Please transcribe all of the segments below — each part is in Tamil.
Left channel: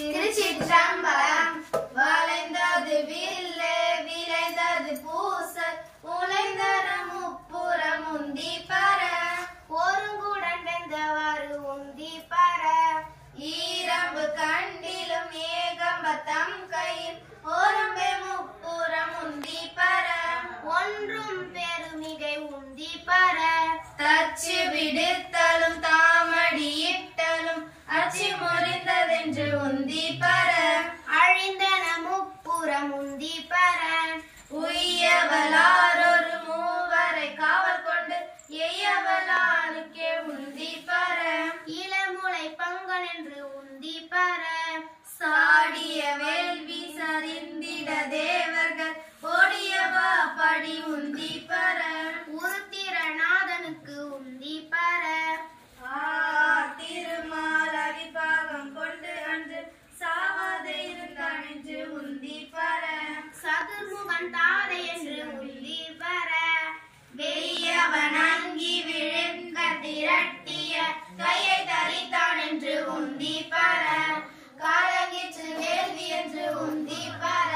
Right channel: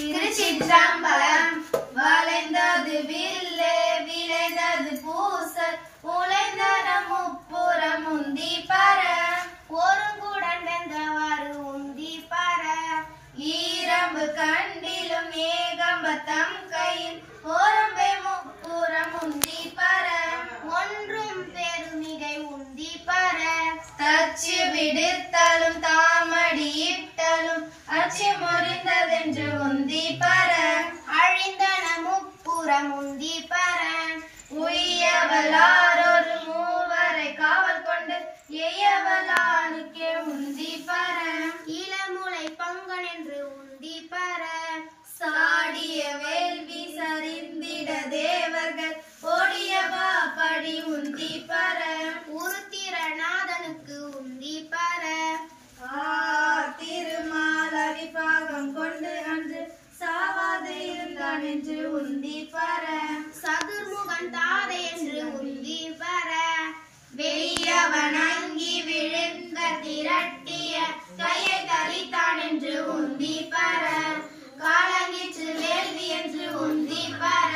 திருச்சிற்றம்பலம். வளைந்தது வில்லு விளைந்தது பூசல் உழைந்தன முப்புறம் உந்தி பர ஒருங்குடன் வெந்தவாறு உந்தி பர ஈரம்பு கண்டிலும் ஏகம்பத்தம் கையில் ஒரும்பே முப்புறம் உந்தி பர ஒன்றும் பெருமிகை உந்தி பர தச்சு விடுத்தலும் தாமடி இட்டலும் அச்சி முறிந்ததென்று உந்தி பர அழிந்தன முப்புறம் உந்தி பர உய்யவளாரொரு மூவரை காவல் கொண்டு எய்யவளாருக்கே உந்தி பர இளமுலை பங்கனென்று உந்தி பர சாடிய வேள்வி சரிந்திட தேவர்கள் ஓடியவா படி உந்தி பர உருத்திரநாதனுக்கு உந்தி பர திருமால் பாகம் கொண்டு அன்று சாவாது இருந்தான் என்று உந்தி பர சதுர்முகன் தாதை என்று உந்தி பர வெய்யவன் அங்கி விழுந்த திரட்டிய கையை தரித்தான் என்று உந்தி பர காலங்கிற்று வேள்வி என்று உந்தி பர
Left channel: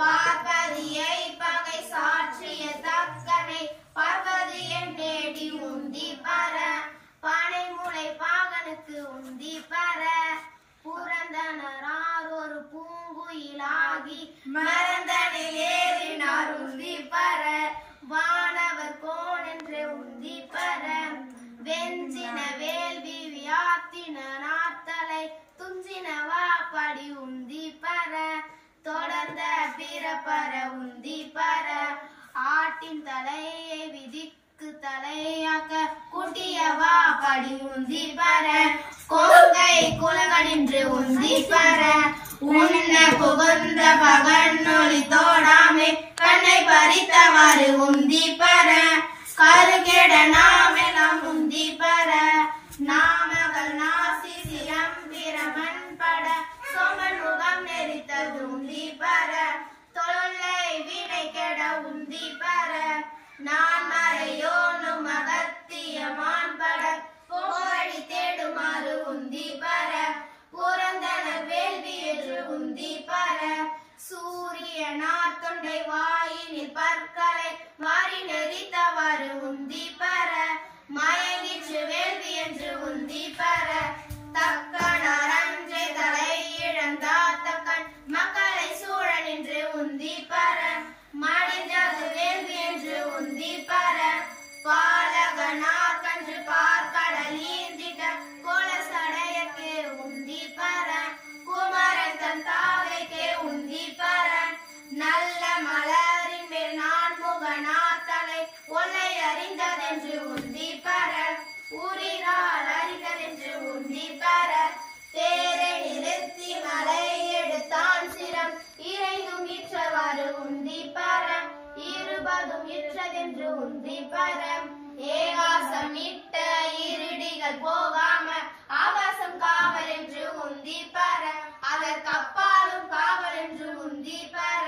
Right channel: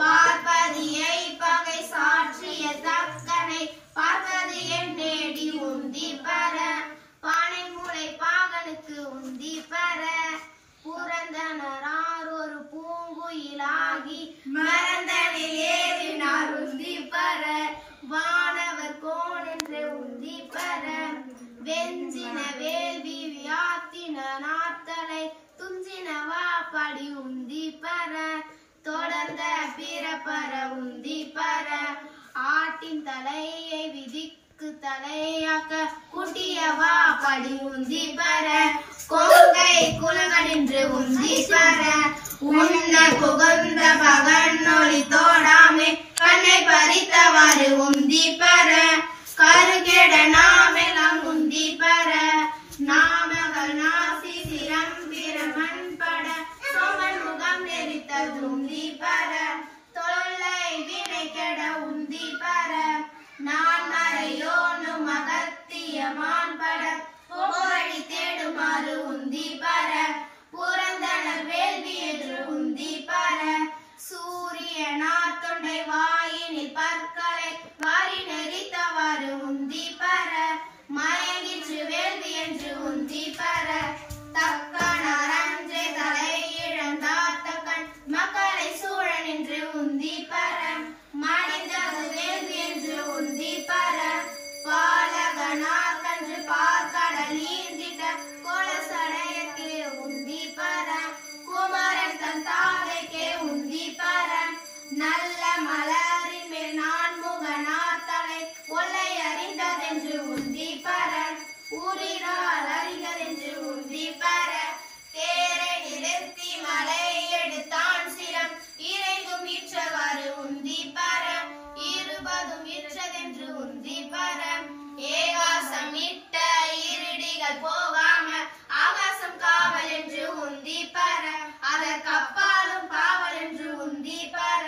பார்ப்பதியை பகை சாற்றிய தக்கனை பார்ப்பதியை நேடி உந்தி பர பானை மூளை பாகனுக்கு உந்தி பர புரந்தனார் ஒரு பூங்குயிலாகி மறந்தனில் ஏறினார் உந்தி பர வானவர் கோன் என்று உந்தி பர வெஞ்சின வேள்வி வியாத்தின நாத்தலை துஞ்சினவா படி உந்தி பர தொடர்ந்த பிறப்பர உந்தி பர ஆட்டின் தலையை விதிக்கு தலையாக்க குட்டியவா படி உந்தி பர கொங்கை குலகனின்று உந்தி பர உன்ன புகழ்ந்த பகன் நொழி தோடாமே கண்ணை பறித்தவாறு உந்தி பர கருகேட நாமெல்லாம் உந்தி பர நாமகள் நாசி சிரம் பிரமன் பட சோமல் முகம் நெறித்தது உந்தி பர தொல்லை வினை கெட உந்தி பர நான் மறையோனும் அகத்திய மான்பட போகழி தேடுமாறு உந்தி பர புரந்தனர் வேள்வி என்று உந்தி பர சூரியனார் தொண்டை வாயினில் பற்களை வாரி நெறித்தவாறு உந்தி பர மயங்கிற்று வேள்வி என்று உந்தி பர தக்கனார் அன்றே தலை இழந்தார் தக்கன் மக்களை சூழ நின்று உந்தி பர மடிந்தது வேள்வி என்று உந்தி பர பாலகனார் கன்று பார்க்கடல் ஈந்திட்ட கோலசடையக்கே உந்தி பர குமரன் தன் தாதைக்கே உந்தி பர நல்ல மலரின் மேல் நான் முகனார் தலை ஒல்லை அறிந்ததென்று உந்தி பர ஊரிரால் அறிந்ததென்று உந்தி பர தேரை நிறுத்தி மலை எடுத்தான் சிரம் இறைந்தும் இற்றவாறு உந்தி பர இருபதும் இற்றதென்று உந்தி பர ஏகாசம் இட்ட இருடிகள் போகாம ஆகாசம் காவல் என்று உந்தி பர அதற்கப்பாலும் பாவல் என்று உந்தி பர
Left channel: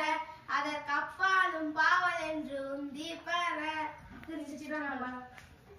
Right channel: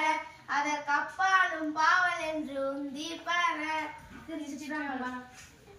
அதற்கப்பாலும் பாவல் என்று உந்தி பர. திருச்சிற்றம்பலம்.